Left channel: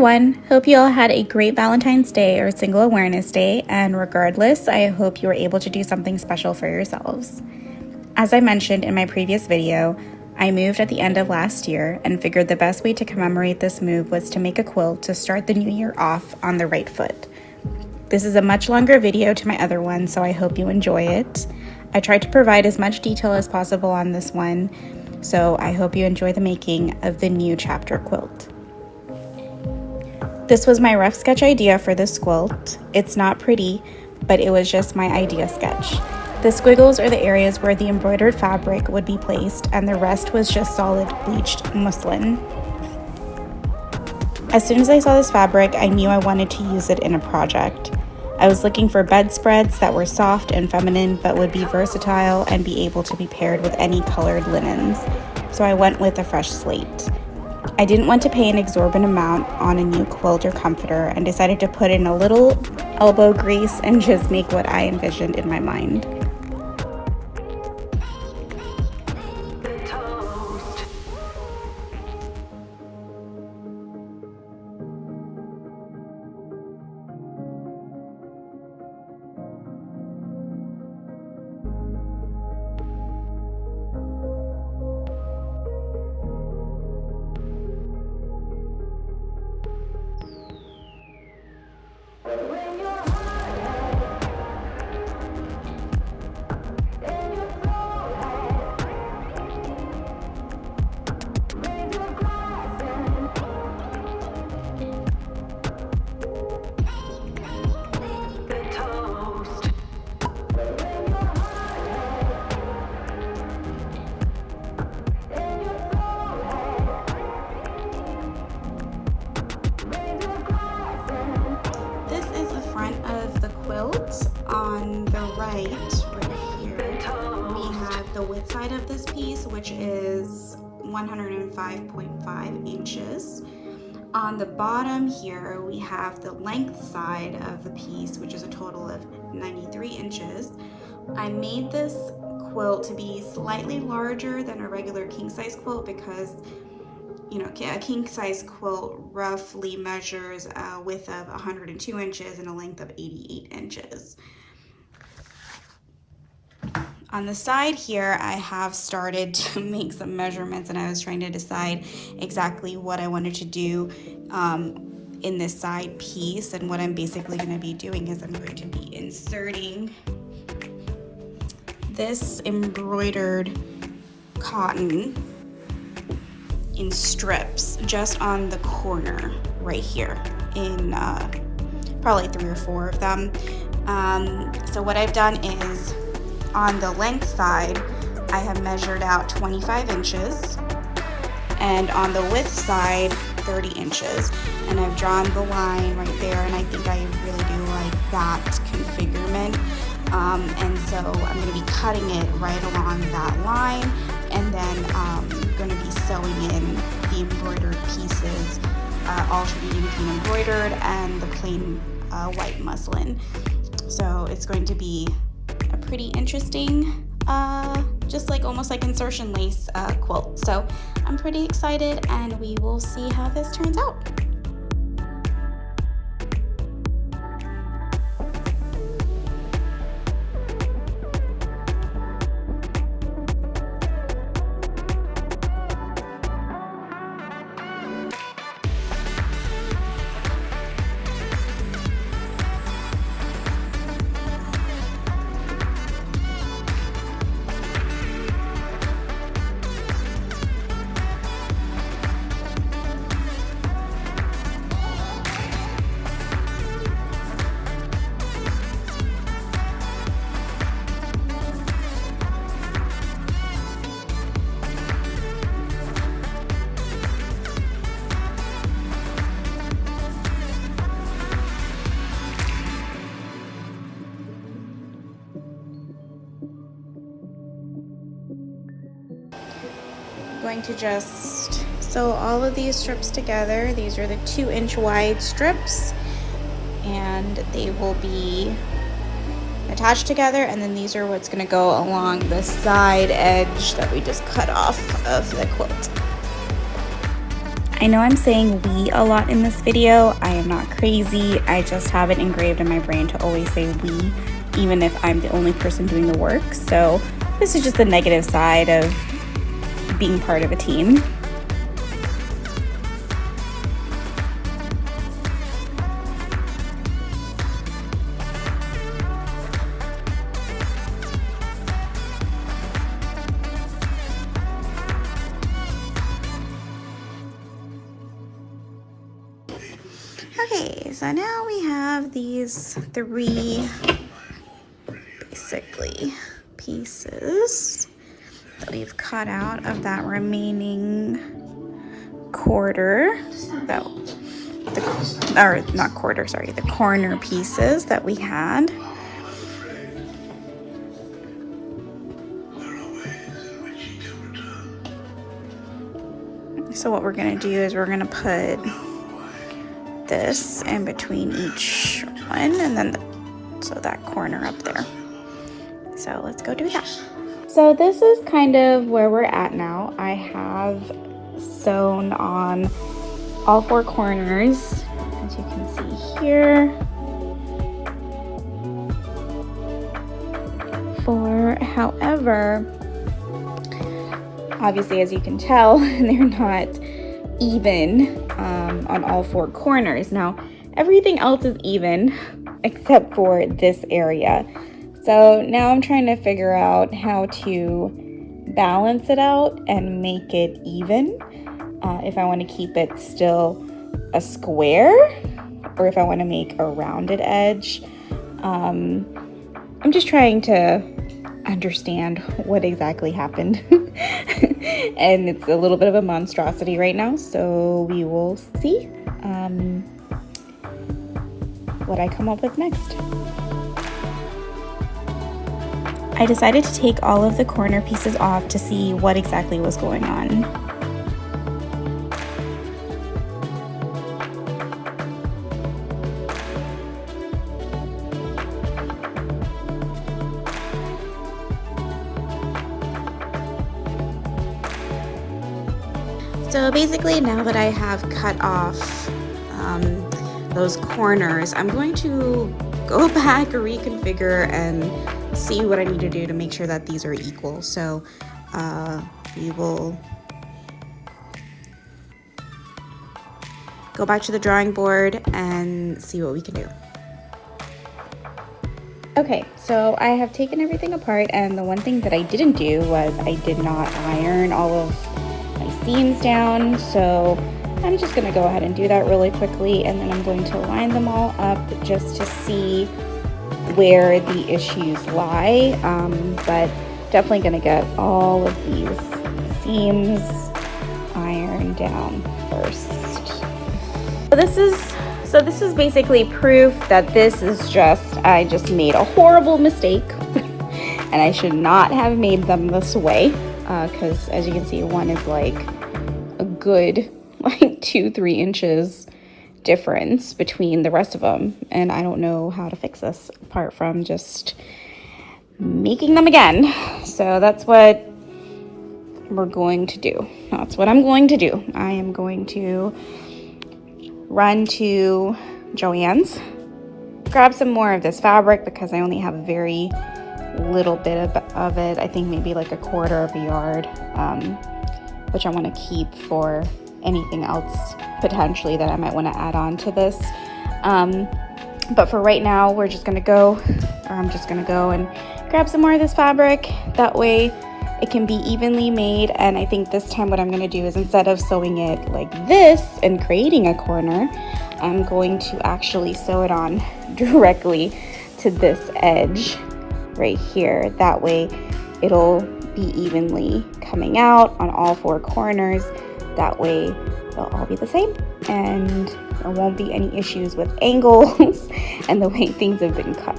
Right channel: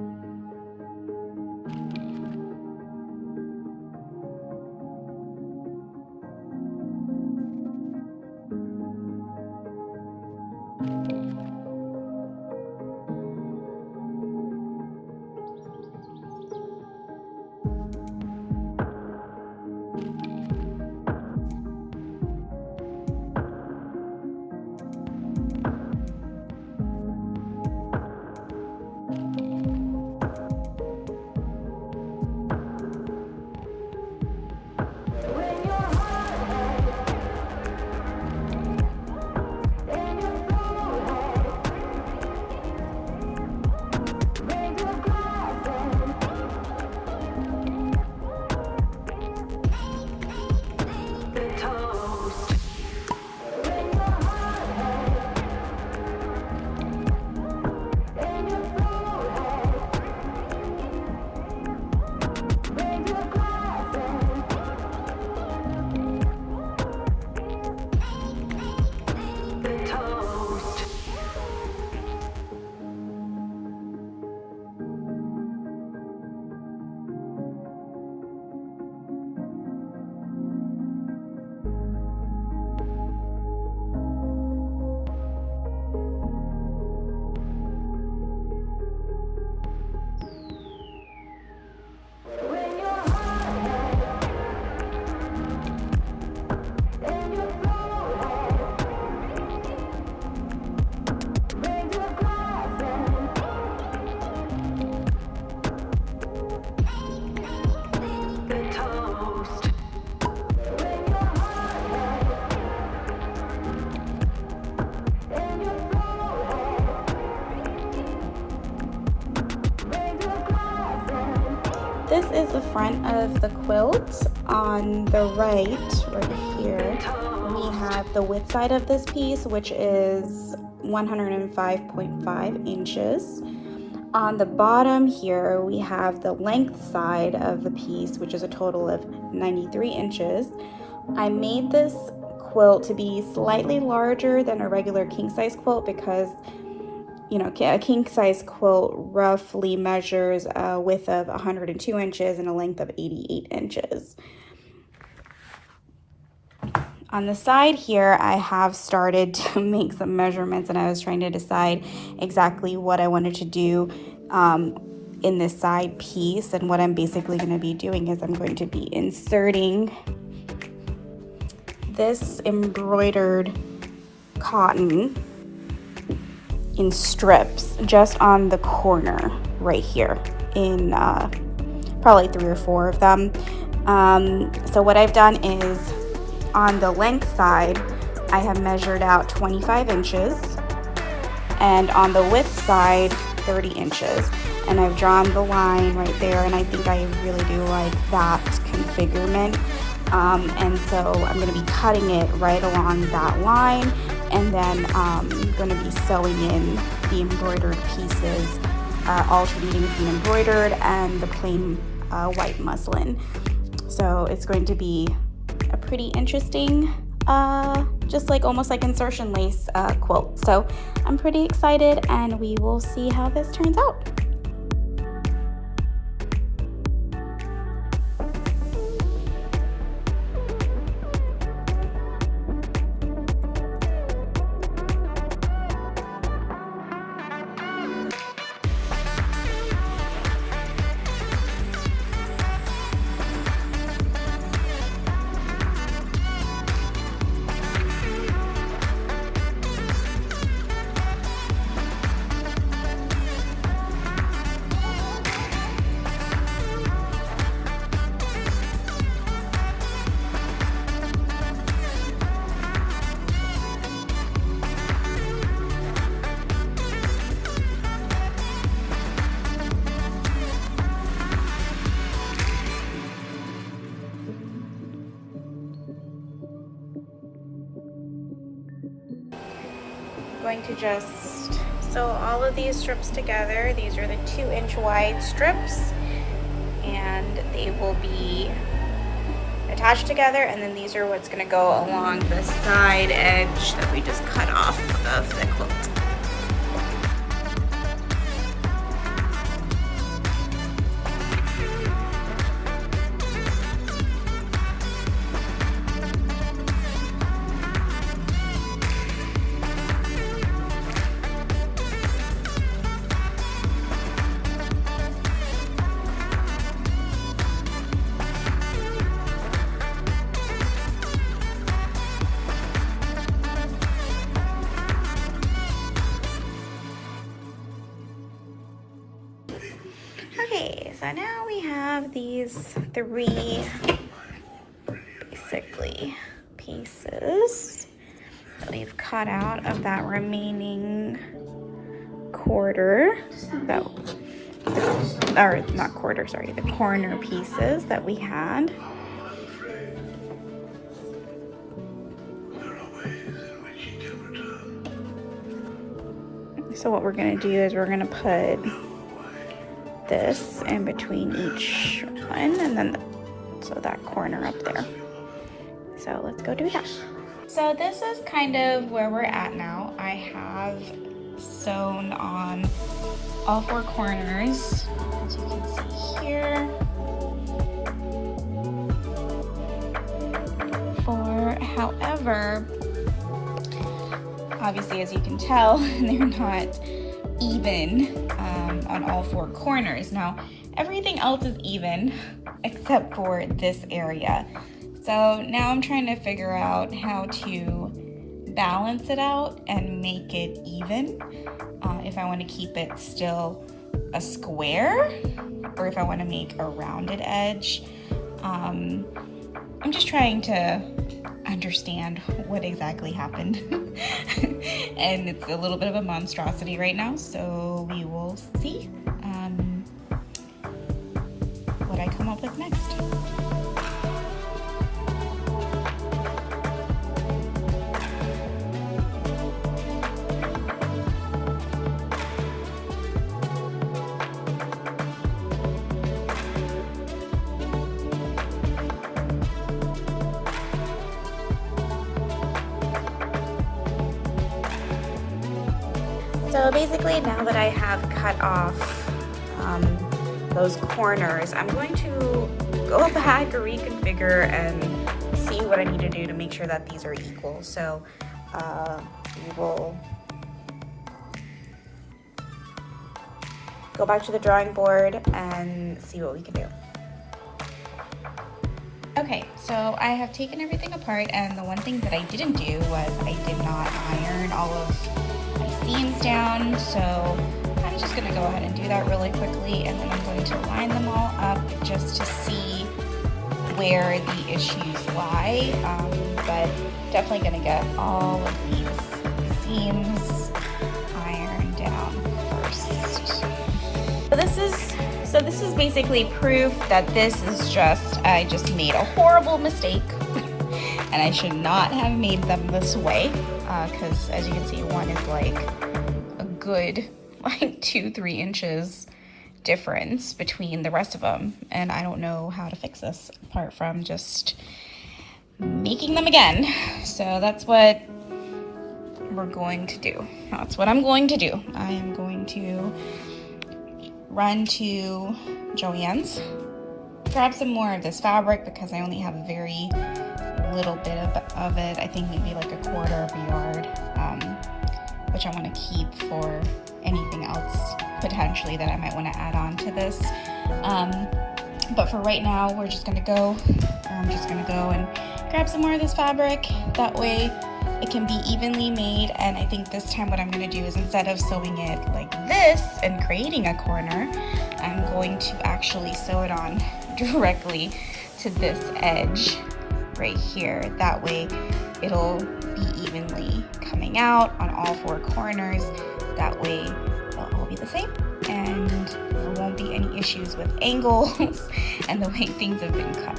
everyone! Hope you all had a great Valentine's Day or Single Awareness Day, and regardless, I hope you were able to do something special for yourselves. As I mentioned in my previous video, I moved at the end of last year and figured the best way to commemorate this move was to make a quilt to start the new year off on the right foot. This is a much longer video to my other one, so I hope you enjoy it. I tried to provide as much detail as possible on this one, so I hope you enjoy the making of the new Chapter Quilt. This was my rough sketch idea for this quilt. It's not pretty, but it was just my idea sketch. The squiggles are the areas where the embroidered fabric would be placed, and the rest was just solid bleached muslin. As soon as I saw this fabric, I knew I wanted to use it in a project. I was looking for bedspreads that were soft and feminine but would be versatile and be able to be paired with any colored linens, so I went with a fresh slate. I didn't want to pay an exorbitant amount on a new quilt or comforter and decided to put in a little elbow grease and just make what I envisioned in my mind. This is the front of the quilt. On the right here, we have the width side of this piece, which is 105.5 inches. On the bottom here, we have the length side of the piece, which is a total of 93 inches. I made this quilt to be slightly larger than a regular king-size quilt because a king-size quilt roughly measures a width of 102 inches and a length of 88 inches. On the side here, I have started to make some measurements, and I was trying to decide exactly what I wanted to do in this side piece. And what I'm basically going to be doing is I'm going to be inserting this embroidered cotton in strips just on the corner right here in probably 3 or 4 of them. So what I've done is on the length side, I have measured out 25 inches, and on the width side, 30 inches. And I've drawn the line right there, and I think I really do like that configurement. And so I'm going to be cutting it right along that line, and then I'm going to be sewing in the embroidered pieces, alternating between embroidered and the plain white muslin. So it's going to be a pretty interesting, just like almost like insertion lace quilt. So I'm pretty excited, and we will see how this turns out. Going to just sew all of these strips together. These are the 2-inch wide strips, and they will be attached together, and then these are what's going to go along the side edge that we just cut off of the quilt. I know I'm saying we a lot in this video. I am not crazy. I just have it engraved in my brain to always say we, even if I'm the only person doing the work. So this is just the negative side of being part of a team. Okay, so now we have these three basically pieces that we've cut out of that remaining quarter, the corner pieces that we had. So what we're gonna do is we're gonna put this in between each one, and then so that corner up there. So let's go do that. So this is kind of where we're at now. I have sewn on all four corners, as you can see here. However, obviously, as you can tell, they're not even on all four corners. Now, everything else is even except for this area. So now I'm trying to figure out how to balance it out and make it even. If I want to keep it still a square, or if I want to make a rounded edge. I'm just trying to understand what exactly happened. And it's a little bit of a monstrosity right now, so we will see what I come up with next. I decided to take all of the corner pieces off to see what exactly was going on. So basically, now that I have cut off those corners, I'm going to go back, reconfigure, and see what I need to do to make sure that these are equal. So we will go back to the drawing board and see what we can do. Okay, so I have taken everything apart, and the one thing that I didn't do was I did not iron all of my seams down. So I'm just gonna go ahead and do that really quickly, and then I'm going to line them all up just to see where the issues lie. But definitely gonna get all of these seams ironed down first. So this is basically proof that this is I just made a horrible mistake and I should not have made them this way, because as you can see, one is like a good 2-3 inches difference between the rest of them, and I don't know how to fix this apart from just making them again. So that's what we're going to do. That's what I'm going to do. I am going to run to Joann's, grab some more of this fabric because I only have a very little bit of it. I think maybe like a quarter of a yard, which I want to keep for anything else potentially that I might want to add on to this. But for right now, I'm just gonna go and grab some more of this fabric. That way it can be evenly made. And I think this time what I'm gonna do is, instead of sewing it like this and creating a corner, I'm going to actually sew it on directly to this edge right here. That way it'll be evenly coming out on all four corners. That way they'll all be the same, and there won't be any issues with angles and the way things have been cut.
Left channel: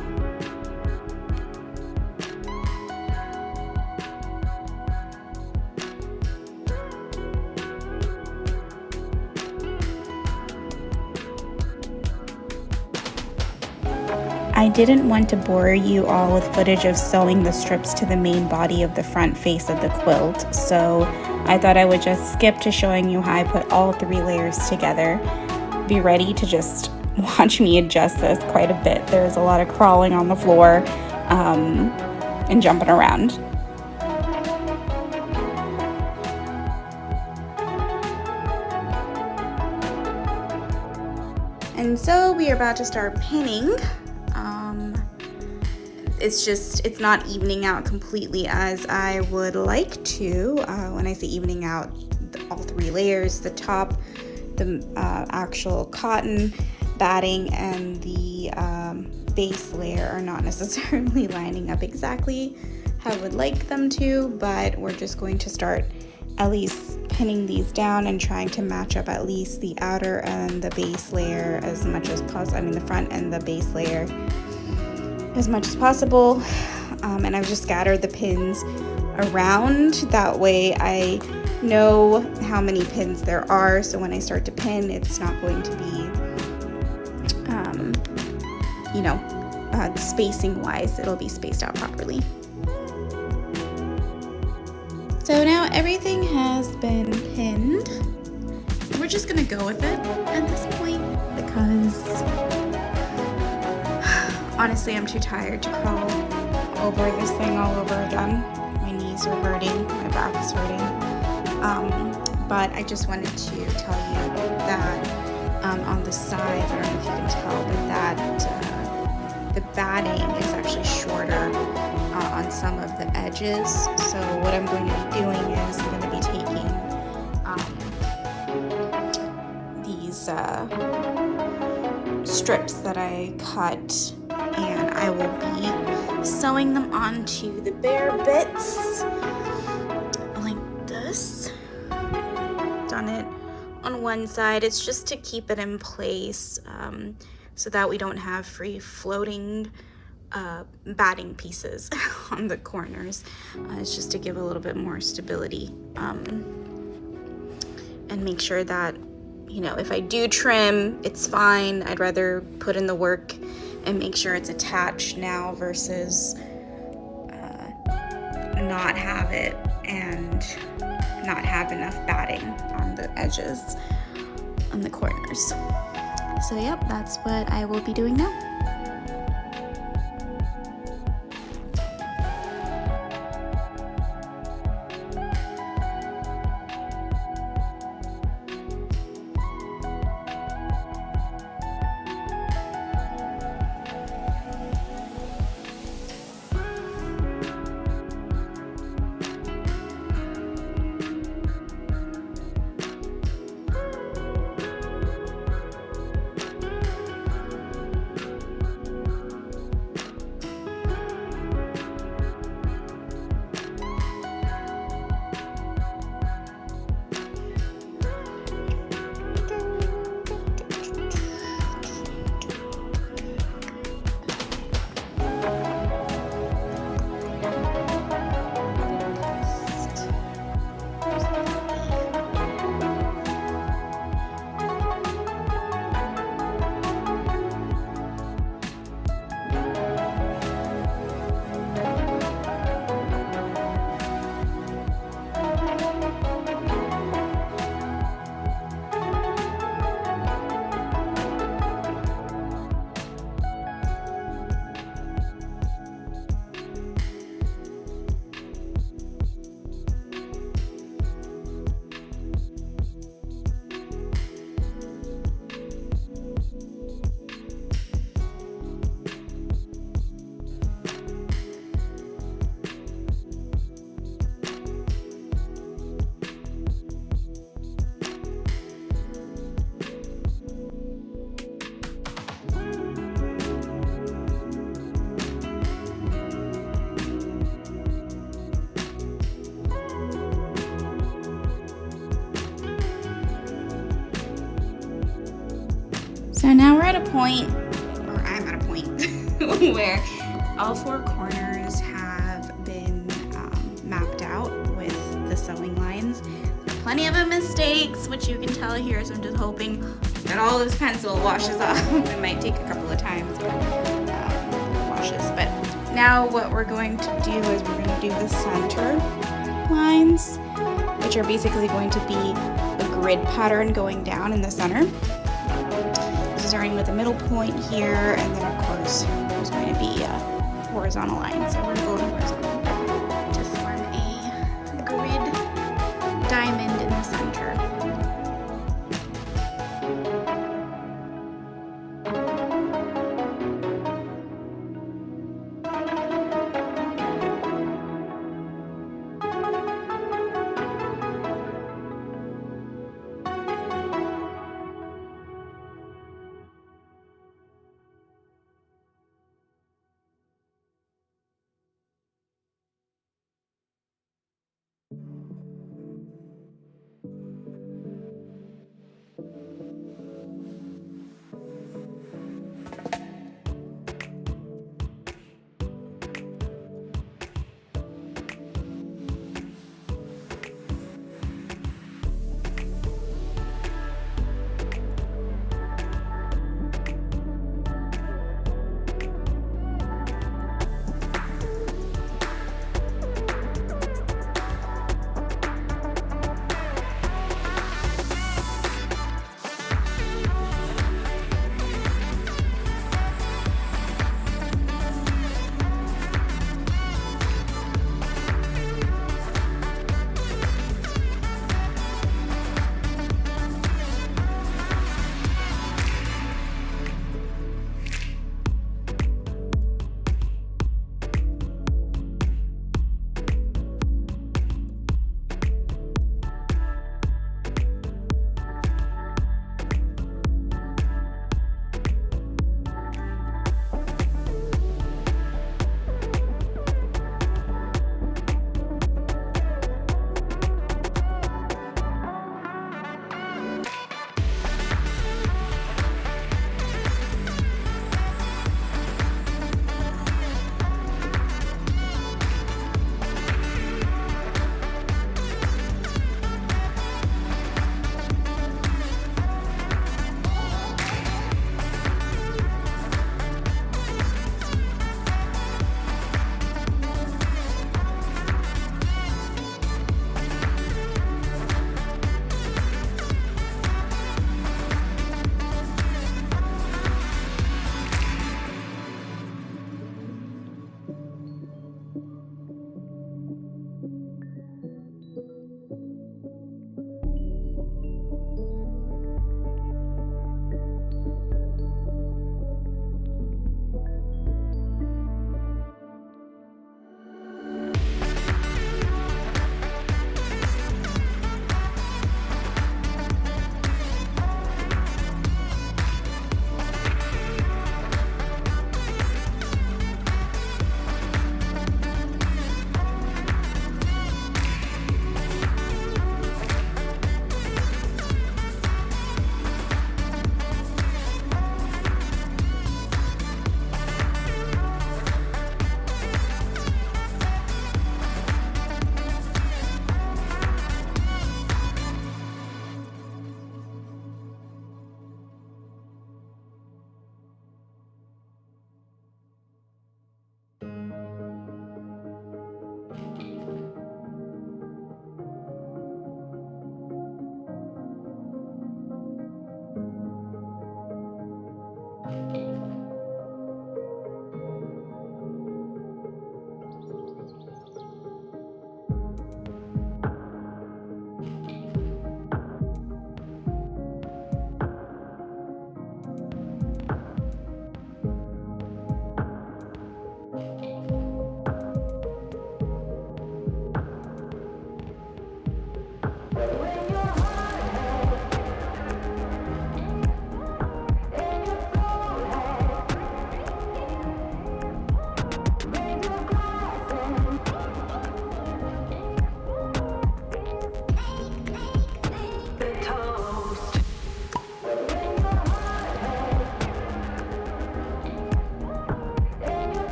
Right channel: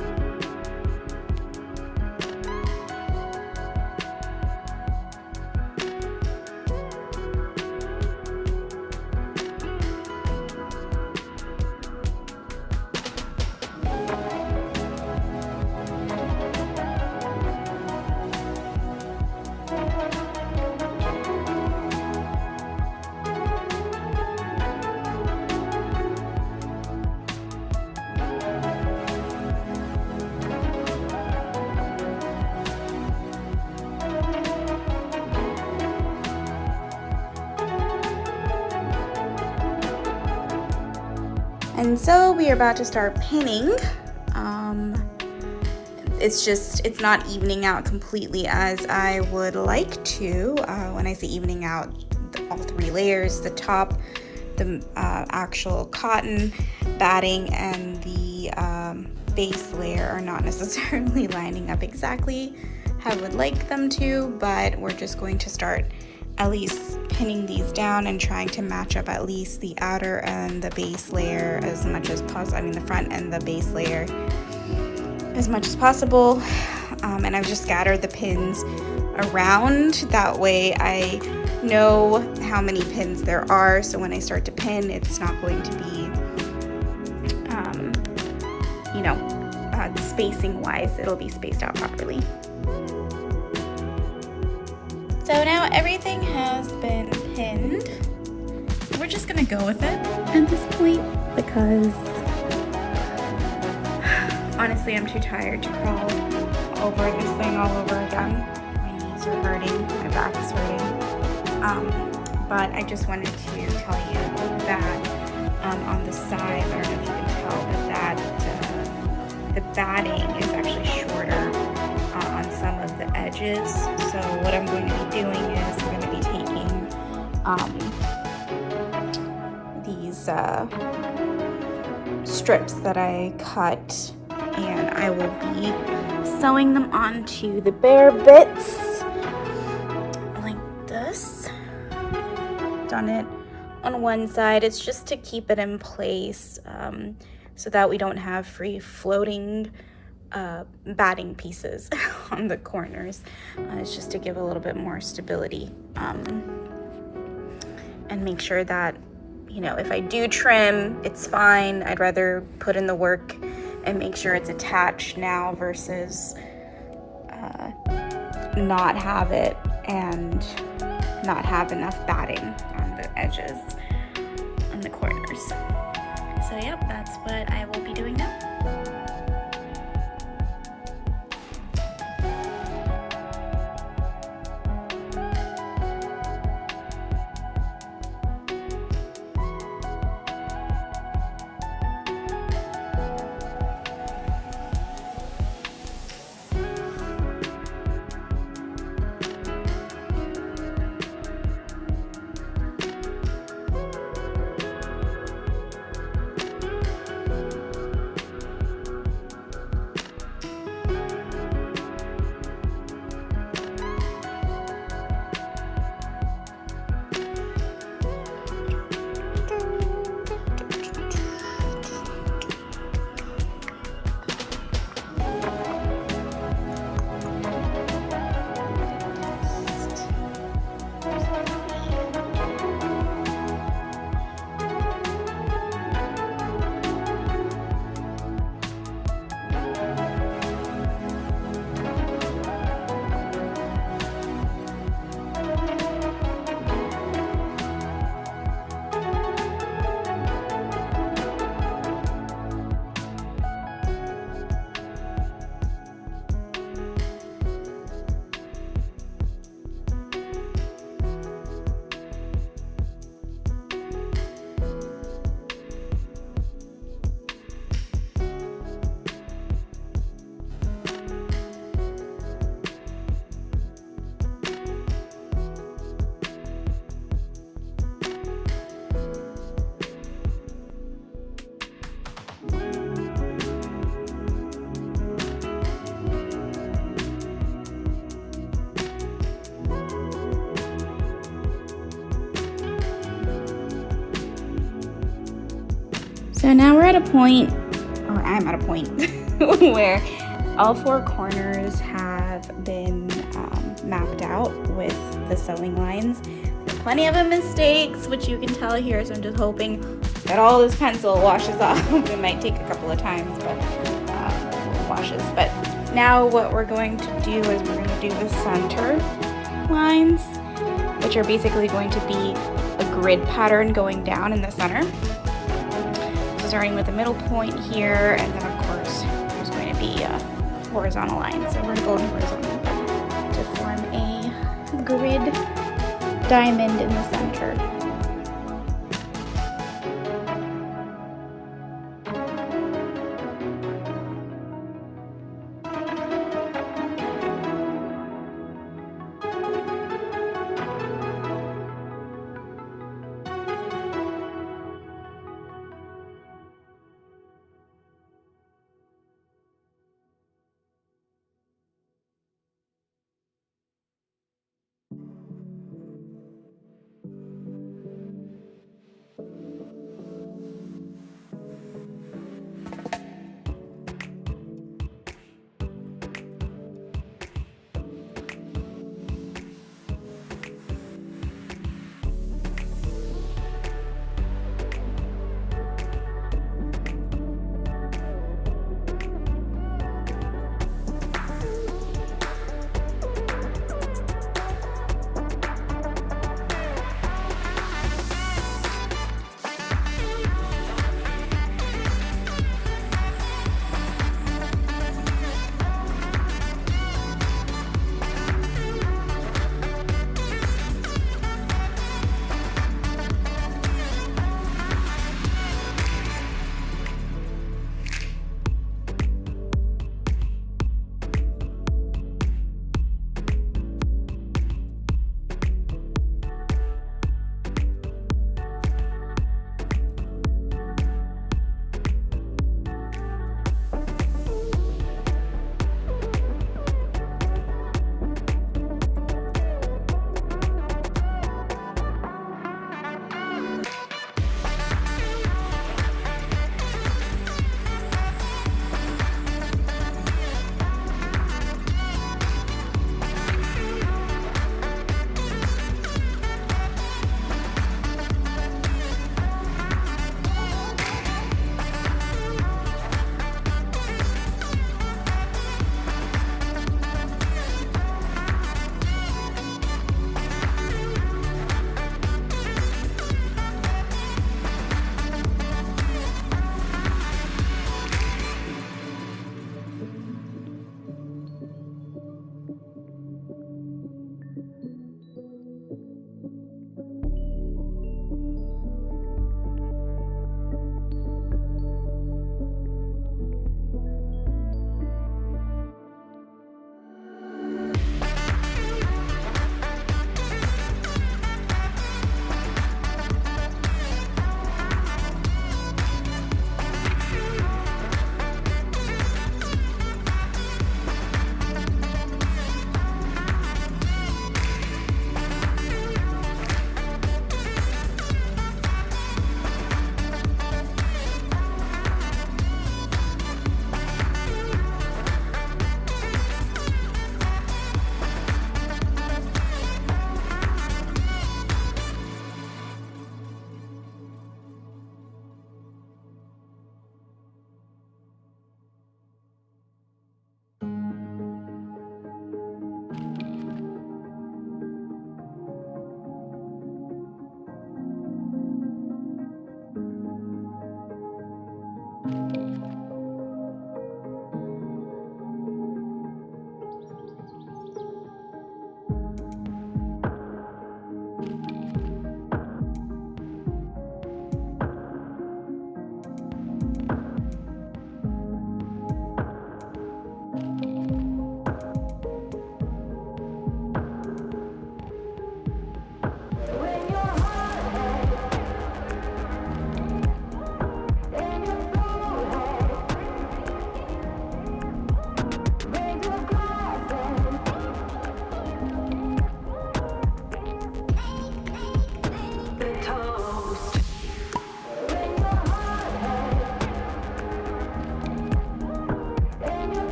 I didn't want to bore you all with footage of sewing the strips to the main body of the front face of the quilt, so I thought I would just skip to showing you how I put all 3 layers together. Be ready to just watch me adjust this quite a bit. There's a lot of crawling on the floor and jumping around. And so we are about to start pinning. It's not evening out completely as I would like to. When I say evening out, all 3 layers, the top, the actual cotton batting, and the base layer are not necessarily lining up exactly how I would like them to, but we're just going to start at least pinning these down and trying to match up at least the outer and the base layer as much as possible. I mean, the front and the base layer as much as possible. And I've just scattered the pins around. That way I know how many pins there are, so when I start to pin, it's not going to be, spacing wise, it'll be spaced out properly. So now everything has been pinned. We're just gonna go with it at this point because honestly I'm too tired to crawl over this thing all over again. My knees are hurting, my back is hurting. But I just wanted to tell you that on the side, I don't know if you can tell, but that the batting is actually shorter on some of the edges. So what I'm going to be doing is I'm going to be taking these strips that I cut, and I will be sewing them onto the bare bits like this. Done it on one side. It's just to keep it in place so that we don't have free floating batting pieces on the corners. It's just to give a little bit more stability and make sure that, if I do trim, it's fine. I'd rather put in the work and make sure it's attached now versus not have it and not have enough batting on the edges, on the corners. So yep, that's what I will be doing now. So now we're at a point, or I'm at a point, where all 4 corners have been mapped out with the sewing lines. There are plenty of mistakes, which you can tell here, so I'm just hoping that all this pencil washes off. It might take a couple of times, but washes. But now what we're going to do is we're going to do the center lines, which are basically going to be a grid pattern going down in the center. So starting with the middle point here, and then of course there's going to be a horizontal line. So we're going horizontal to form a grid diamond in the center.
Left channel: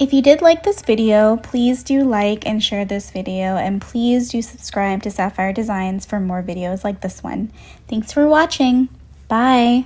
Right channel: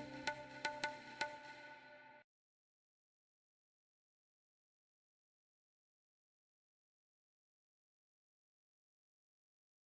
If you did like this video, please do like and share this video, and please do subscribe to Safire Designs for more videos like this one. Thanks for watching. Bye.